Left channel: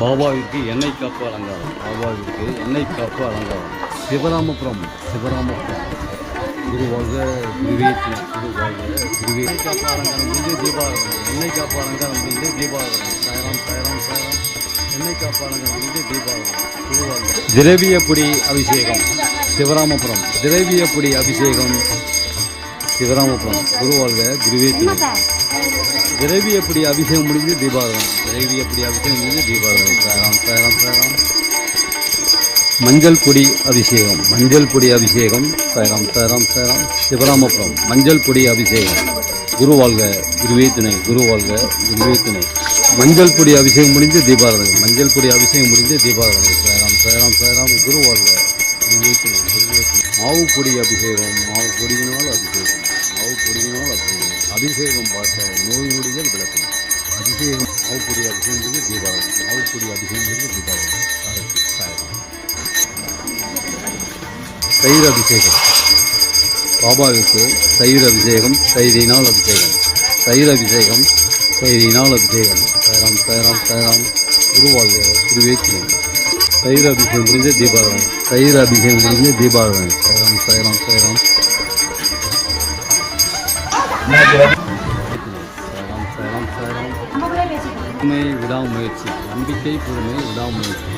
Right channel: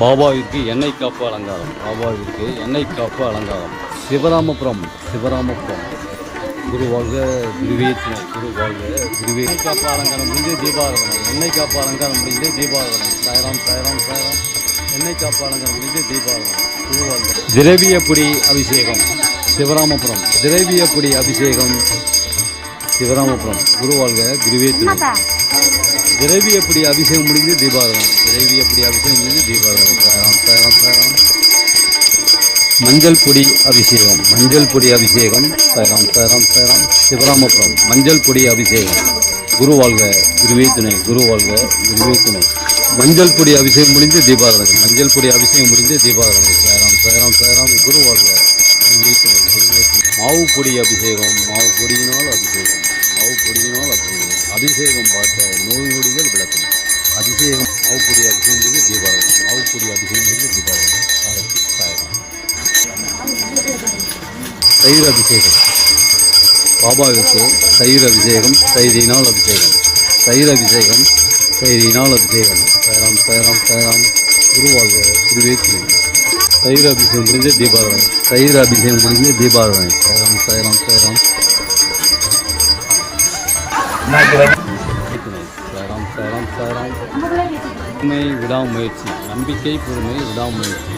பாபாவிற்கு எண்ணெய் காப்பு அலங்காரம். பாபாவிற்கு எண்ணெய் காப்பு அலங்காரம். சிவராமபுரம் குருவாக குருவேத்தின குருவாக குருவே காப்பு அலங்காரம் முடிஞ்சு தீபாவளி. எண்ணெய் காப்பு அலங்காரம் முடிஞ்சு தீபாவளி. சாயராம் சாயராம் சாயராம். எண்ணெய் காப்பு அலங்காரம் முடிஞ்சு தீபாவளி. குருவாக திரவியப்பொடி அபிஷேகம் சிவராமபுரம். திரவியப்பொடி அபிஷேகம் சிவராமபுரம். குருவாழ்க குருவேத்தின. திரவியப்பொடி அபிஷேகம் முடிஞ்சு தீபாவளி. திரவியப்பொடி அபிஷேகம் முடிஞ்சு தீபாவளி. சாயராம் சாயராம் சாயராம். மஞ்சள் பொடி அபிஷேகம். மஞ்சள் பொடி அபிஷேகம் சாயராம் சாயராம் சாயராம். சிவராமபுரம் மஞ்சள் பொடி அபிஷேகம். குருவாழ்க குருவே துணை. குருவாழ்க குருவே துணை. மஞ்சள் பொடி அபிஷேகம் முடிஞ்சு தீபாவளி. மஞ்சள் பொடி அபிஷேகம் முடிஞ்சு தீபாவளி. சாயராம் சாயராம் சாயராம். குருவாழ்க குருவே துணை. குருவே துணை. மாவு பொடி அபிஷேகம். மாவு பொடியினால் அபிஷேகம். மாவு பொடியினால் அபிஷேகம். அபிஷேகம் பார்த்த நோய் நொடிகள் விளக்கும். அபிஷேகம் மாவு பொடி அபிஷேகம் முடிஞ்சு தீபாவளி. மாவு பொடி அபிஷேகம் முடிஞ்சு தீபாவளி. சாயராம். தயிர் அபிஷேகம். பாபாவிற்கு தயிர் அபிஷேகம். தயிரினால் அபிஷேகம். தயிர் அபிஷேகம். தயிரினால் அபிஷேகம். சாயராம் சாயராம் சாயராம். குருவாழ்க குருவே துணை. தயிர் அபிஷேகம் முடிஞ்சு தீபாவளி. தயிர் அபிஷேகம் முடிஞ்சு தீபாவளி. சாயராம் சாயராம் சாயராம். சாயராம் சாயராம் சாயராம். பொறுமை விடாமுயற்சி. நம்பிக்கை பொறுமை விடாமுயற்சி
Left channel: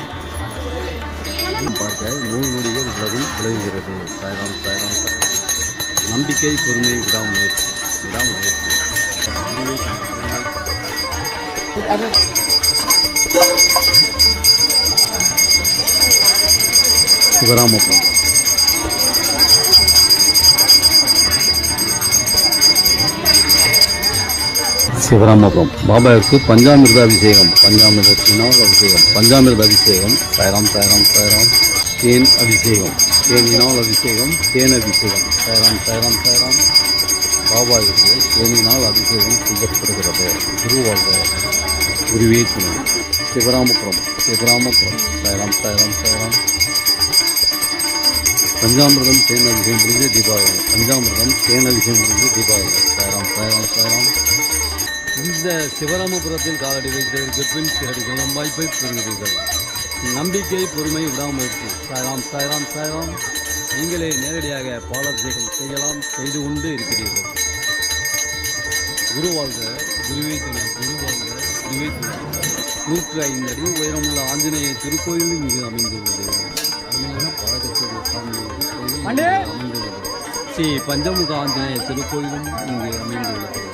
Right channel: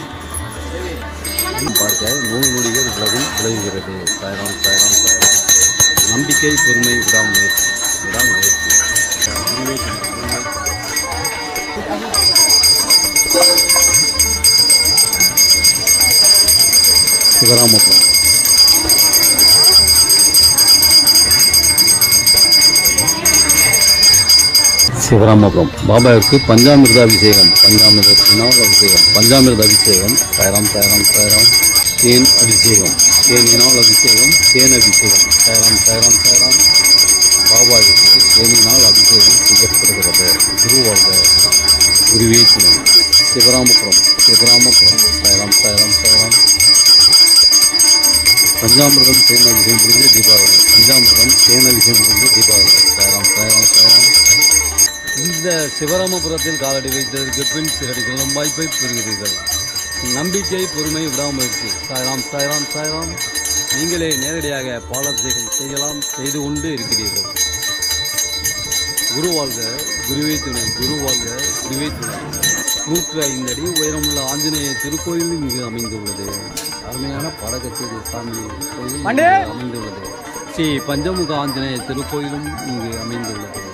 பார்க்க நோய் நொடிகள் விளைவுகிறது. சாயராம் சாயராம் சாயராம். நம்பிக்கை பொறுமை விடாமுயற்சி. விடாமுயற்சி. சிவராமபுரம் சிவராமபுரம். பாபாவிற்கு பஞ்சாமிர்த அபிஷேகம். பஞ்சாமிர்தத்தினால் அபிஷேகம். பஞ்சாமிர்த அபிஷேகம். சாயராம் சாயராம் சாயராம். தேன் அபிஷேகம். தேனினால் அபிஷேகம். தேன் அபிஷேகம். சாயராம் சாயராம் சாயராம். பாபாவிற்கு தேனினால் அபிஷேகம் செய்யப்படுகிறது. குருவாழ்க குருவே துணை. சிவராமபுரம் சிவராமபுரம். சாயராம் சாயராம் சாயராம். பஞ்சாமிர்தம் தேன் அபிஷேகம் முடிஞ்சு தீபாவளி. பஞ்சாமிர்தம் தேன் அபிஷேகம் முடிஞ்சு தீபாவளி. சாயராம் சாயராம் சாயராம். இந்த சிவராமபுரத்தில் காலடி வைத்ததற்கு பின் சிறடிகளும் வாய்ப்பை பெறுகிறீர்கள். நம்பிக்கை பொறுமை விடாமுயற்சி. சாயராம் சாயராம் சாயராம். நீங்களே நேரடியாக பாலாபிஷேகம் செய்யலாம். செய்து கொண்டு இருக்கிறீர்கள். குருவாழ்க குருவே துணை. குருவாழ்க குருவே துணை. 105 அடி உயரமுள்ள ஆஞ்சநேய திருக்கோயில் இங்கு அமைந்துள்ளது. அருமையான பாரகத்தூர் சாமி கோயில் அமைந்துள்ளது. ஸ்ரீ பஞ்சமுக ஆஞ்சநேய திருக்கோயிலும் இங்கு அமைந்துள்ளது.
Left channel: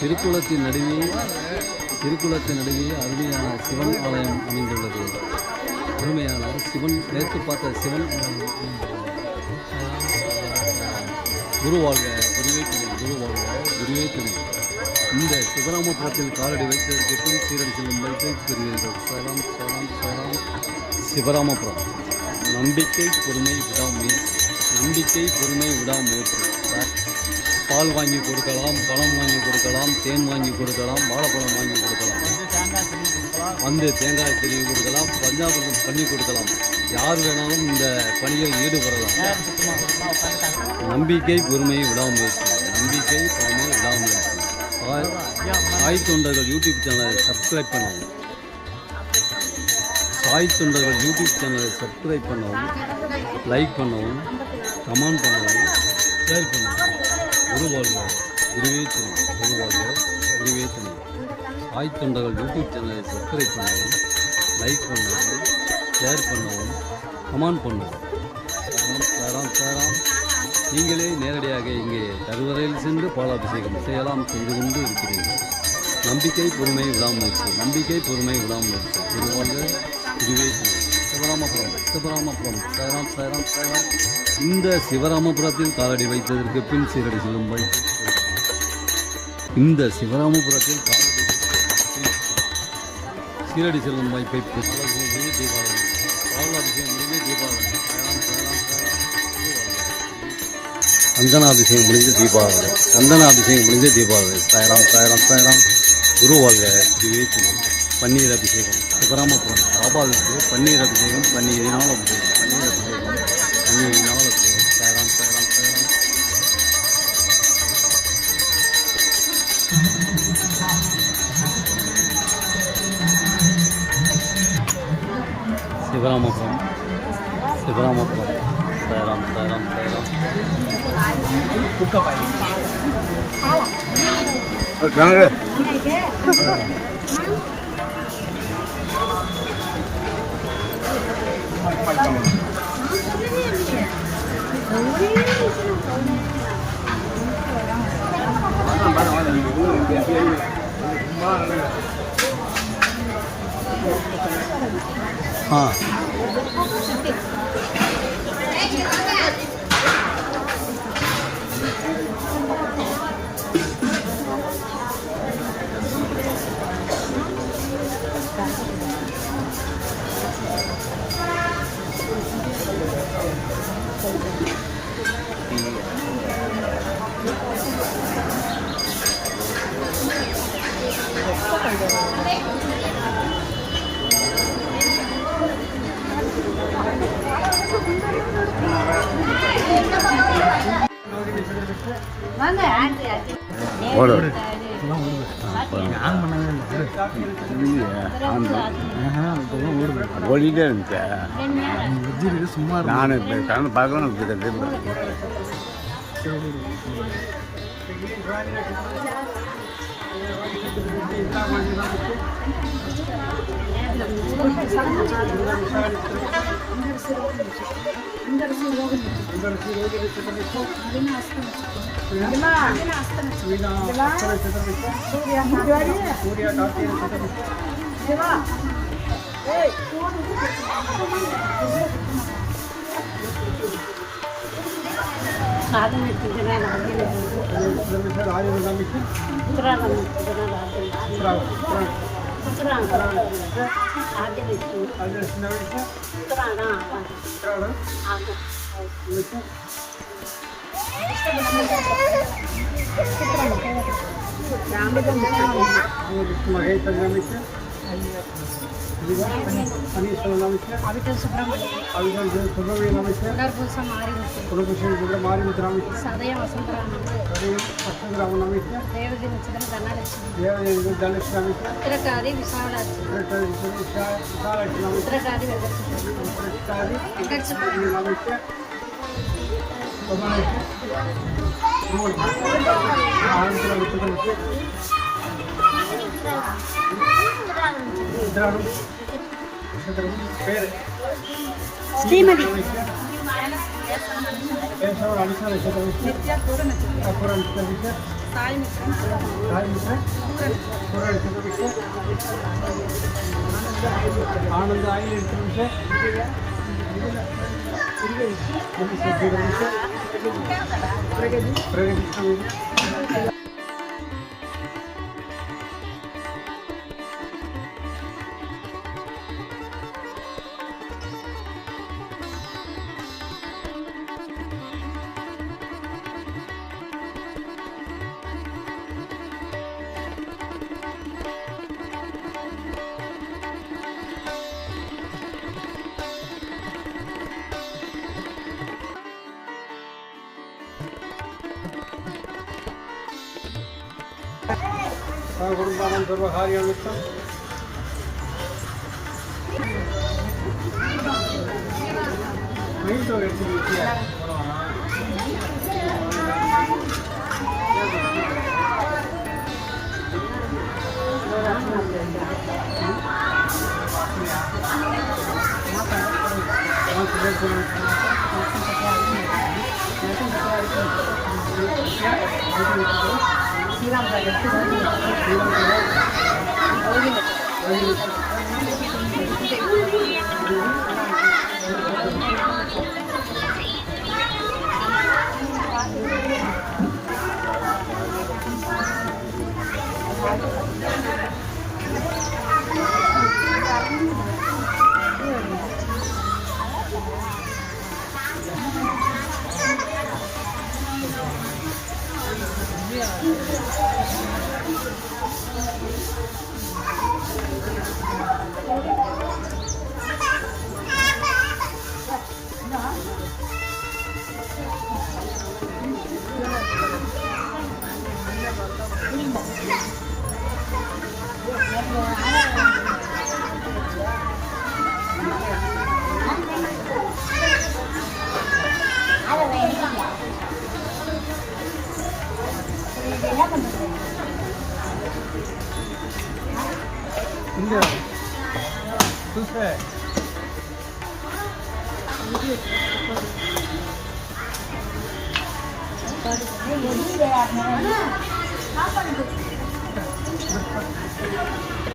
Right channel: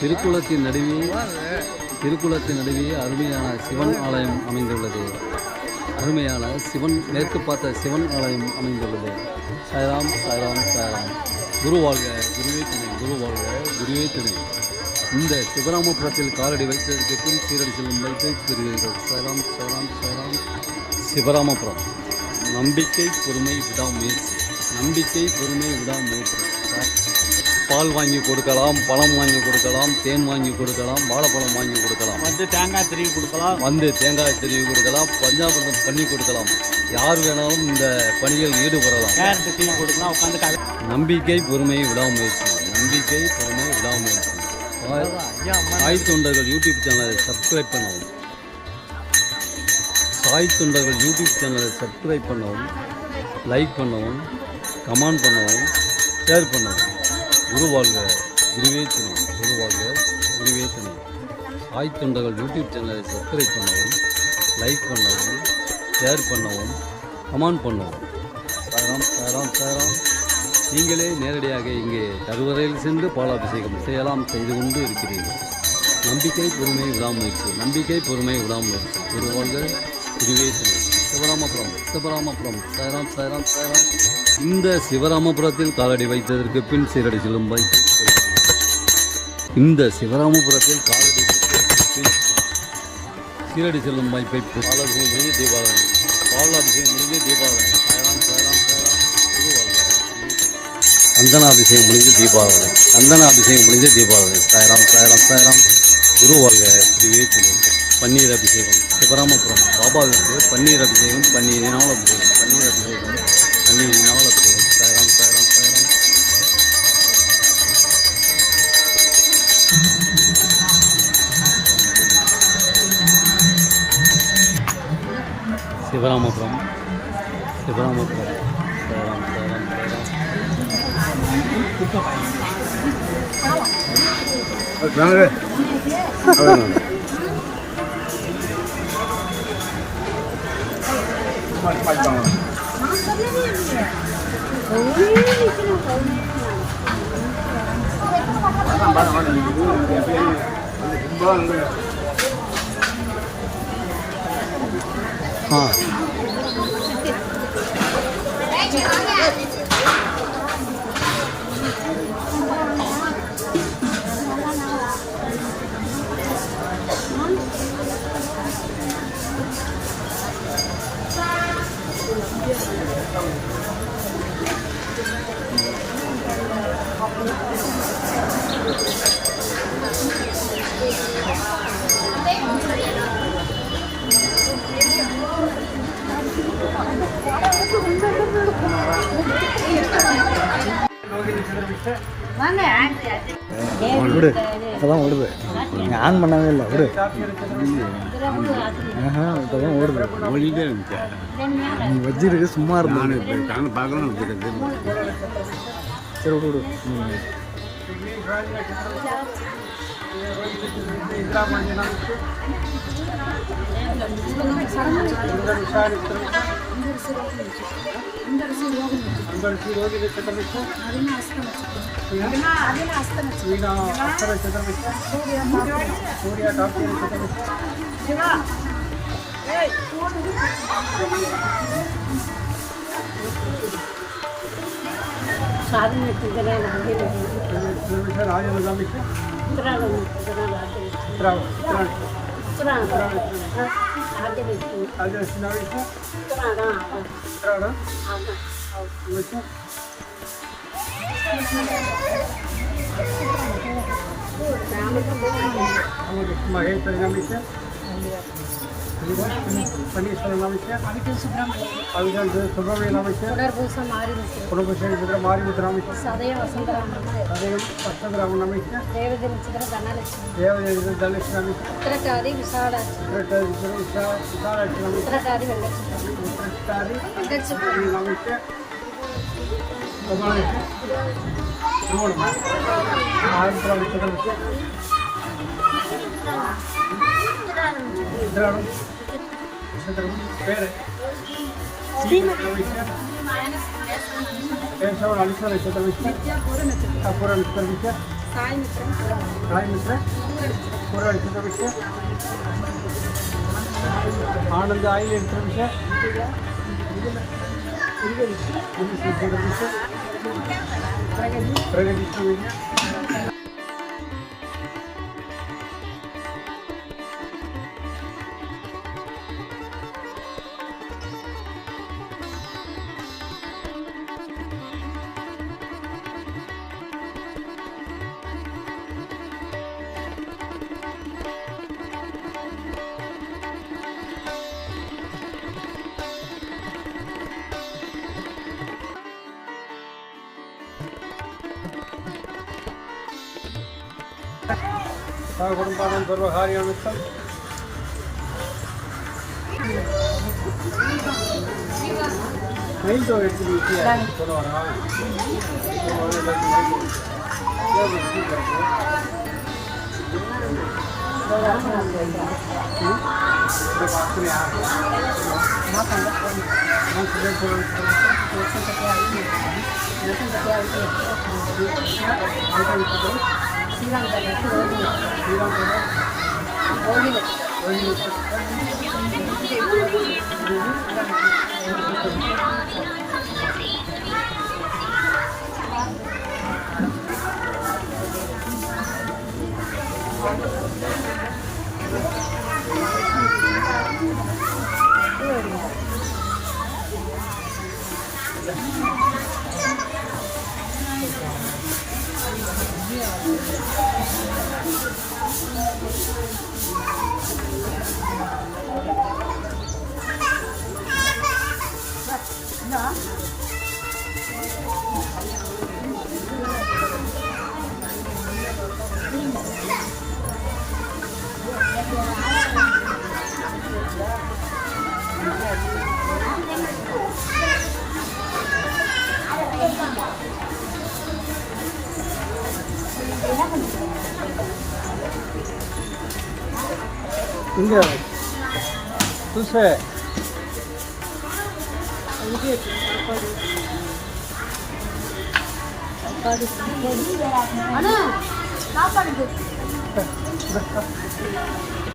திருக்குளத்தின் நடுவே அருமையான சிவன் ஆலயம் அமைந்துள்ளது. அருமையான சிவன் மேற்கு பார்த்த சிவன் ஆலயம் அமைந்துள்ளது. சாயராம் சாயராம் சாயராம். குருவாழ்க குருவே துணை. குருவாழ்க குருவே துணை. இந்த சிவராமபுரத்தில் காலடி வைத்ததற்கு பின் சீரடி செல்லும் வைப்பை பெறுவீர்கள். சாயராம் சாயராம் சாயராம். சிவராமபுரம். நம்பிக்கை பொறுமை விடாமுயற்சி. நம்பிக்கை பொறுமை விடாமுயற்சி. பால் வாங்கி கொடுக்கலாம். பழம் வாங்கி கொடுக்கலாம். தேன் வாங்கி கொடுக்கலாம். வாழைப்பழம் வாங்கி கொடுக்கலாம். வந்து தேங்காய் திருவி கொடுக்கலாம். பஞ்சாமிர்தம் பண்ணி கொடுக்கலாம். யார் வேணாலும் இந்த பணியில் ஈடுபடலாம். நம்பிக்கை பொறுமை விடாமுயற்சி. நம்பிக்கை பொறுமை விடாமுயற்சி. சாய் தொண்டர்கள் யூடியூப் சேனலை சப்ஸ்கிரைப் பண்ணவும். சாய் தொண்டர்கள் யூடியூப் சேனலை சப்ஸ்கிரைப் பண்ணவும். லைக் பண்ணவும். கமெண்ட் பண்ணவும். ஷேர் பண்ணவும். குருவாழ்க குருவே துணை. குருவாழ்க குருவே துணை. சாய் தொண்டர்கள் யூடியூப் சேனலை சப்ஸ்கிரைப் பண்ணவும். லைக் பண்ணவும். ஷேர் பண்ணவும். கமெண்ட் பண்ணவும். சாயராம் சாயராம் சாயராம். நீங்களே நேரடியாக இங்கே தருவரையில் சென்று பாலாபிஷேகம் செய்யலாம். செய்து கொண்டு இருக்கிறீர்கள். நம்பிக்கை பொறுமை விடாமுயற்சி. நம்பிக்கை பொறுமை விடாமுயற்சி. குருவாழ்க குருவே துணை. சிவராமபுரம் சிவராமபுரம். சாயராம் சாயராம் சாயராம். இந்த சிவராமபுரத்தில் காலடி வைத்ததற்கு பின் சீரடி செல்லும் வாய்ப்பு. இந்த சிவராமபுரத்தில் காலடி வைத்ததற்கு பின் சீரடி செல்லும் வாய்ப்பை பாலாபிஷேகம் முடிஞ்சு தீபாவளி. பாலாபிஷேகம் முடிஞ்சு தீபாவளி. சாயராம் சாயராம் சாயராம். சந்தனாபிஷேகம் முடிஞ்சு தீபாவளி. சந்தனாபிஷேகம் முடிஞ்சு தீபாவளி. சாயராம் சாயராம் சாயராம். குருவாழ்க குருவே துணை. பன்னீர் அபிஷேகம். சிவராமபுரம் பாபாவிற்கு பன்னீர் அபிஷேகம். பன்னீரினால் அபிஷேகம். பன்னீர் அபிஷேகம். பன்னீரினால் அபிஷேகம். சாயராம் சாயராம் சாயராம். சிவராமபுரம் சிவராமபுரம் சாய்ராம் சாய்ராம் சாய்ராம். இப்போதான் ஓடுது. ஆன் பண்ணாங்க இல்லை ஓடு இப்போதான் ஓடுது. ஓடிட்டே இருந்துச்சு. நீ வச்சிருக்கு சும்மா இருக்கு. நான் இப்போ கலந்து பார்க்கணும். சரி ஓடு. आनंद आइल विषय प्रगति कुटुंबानां सर्वकार्यानुष्ठानं மைண்ட் ஒரு எடுத்து போடுவானா श्रीराम இங்கே சூசே சாப்பாடு